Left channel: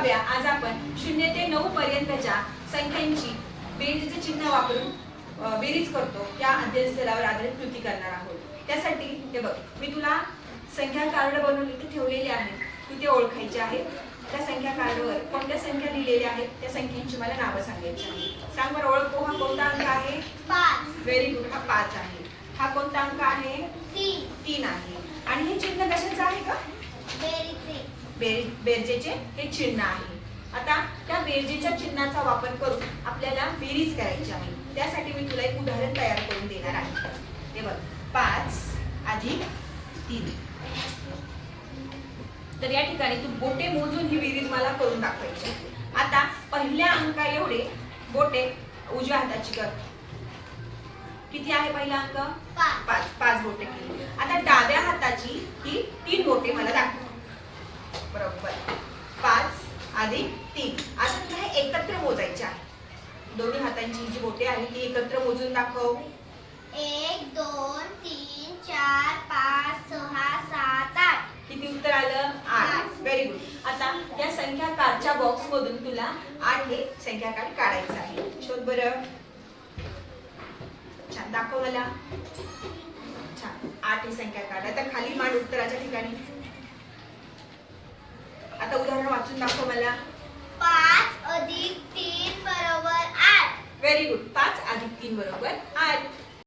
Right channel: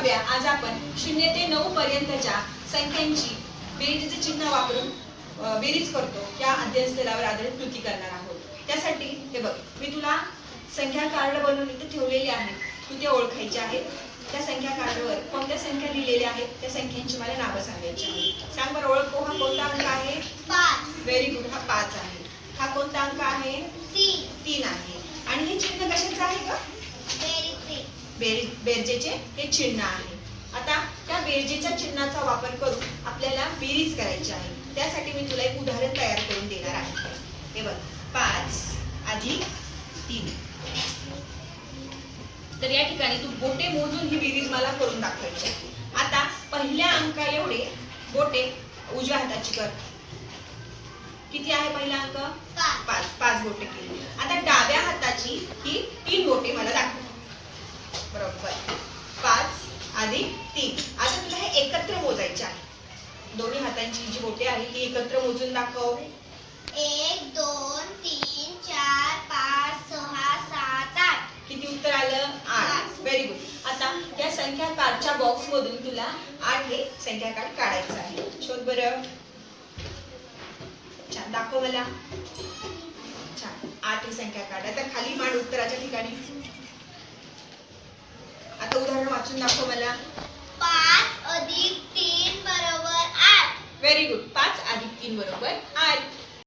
बघूया. आज आपण शून्य ते नऊ पर्यंतच्या संख्यांची बेरीजचे चिन्ह वापरून बेरीज करतो. या अध्ययन स्तरावर आधारित कृती करणार आहोत. त्यासाठी हे बघ मी तुला संख्या कार्ड बनवून इथे ठेवलेले आहेत तू ते ओळखायचे आहेत. त्या संख्या कार्डवर कोणत्या संख्या लिहिलेल्या आहेत? त्या संख्यांची मला नावं सांगायची आहेत. सांग बरं ओळखतो हा कोणता अंक आहे? पाच. व्हेरी गुड हा पाच आहे. हा कोणता अंक आहे? तीन. आहे. आणि हे चिन्ह कशाचं आहे का बेर बेरजेचे हे चिन्ह आहे. आता त्या बेरजेच्या चिन्हाचा वापर करून आपल्याला बेरीज करायची आहे. त्यासाठी मी तुला एक उदाहरण तयार करून देणार आहे. हे बघ पाच अधिक तीन. तर या ठिकाणी तू बोटे मोजून ही बेरीज मला करून दाखवायची आहे. आता पहिल्या अंका एवढे बोटे उजव्या हाताची कर. किती आहे पहिला अंक? पाच. पाच पाच बोटे केली. आता डाव्या हाताची ही तीन बोटे मला दाखव बरोबर पाच अधिक तीन. आता तुला हे एकत्र मोजायचे आहे. दोन्ही हातांची जी बोटे आहे ती एकत्र मोजून दाखव. एक दोन तीन चार पाच सहा सात आठ. किती उत्तर आलं? आठ. व्हेरी गुड आता या संख्या कार्डच्या बॉक्स मधून तुला आठ हे संख्या कार्ड काढायचं आहे. शोध बरं. छान. दाखव मला. छान. आठ ही संख्या काढ आता खाली मांड उत्तराच्या ठिकाणी. उदाहरण वाचून दाखव मला. पाच अधिक तीन बरोबर आठ. व्हेरी गुड पाच अधिक तीन बरोबर आठ.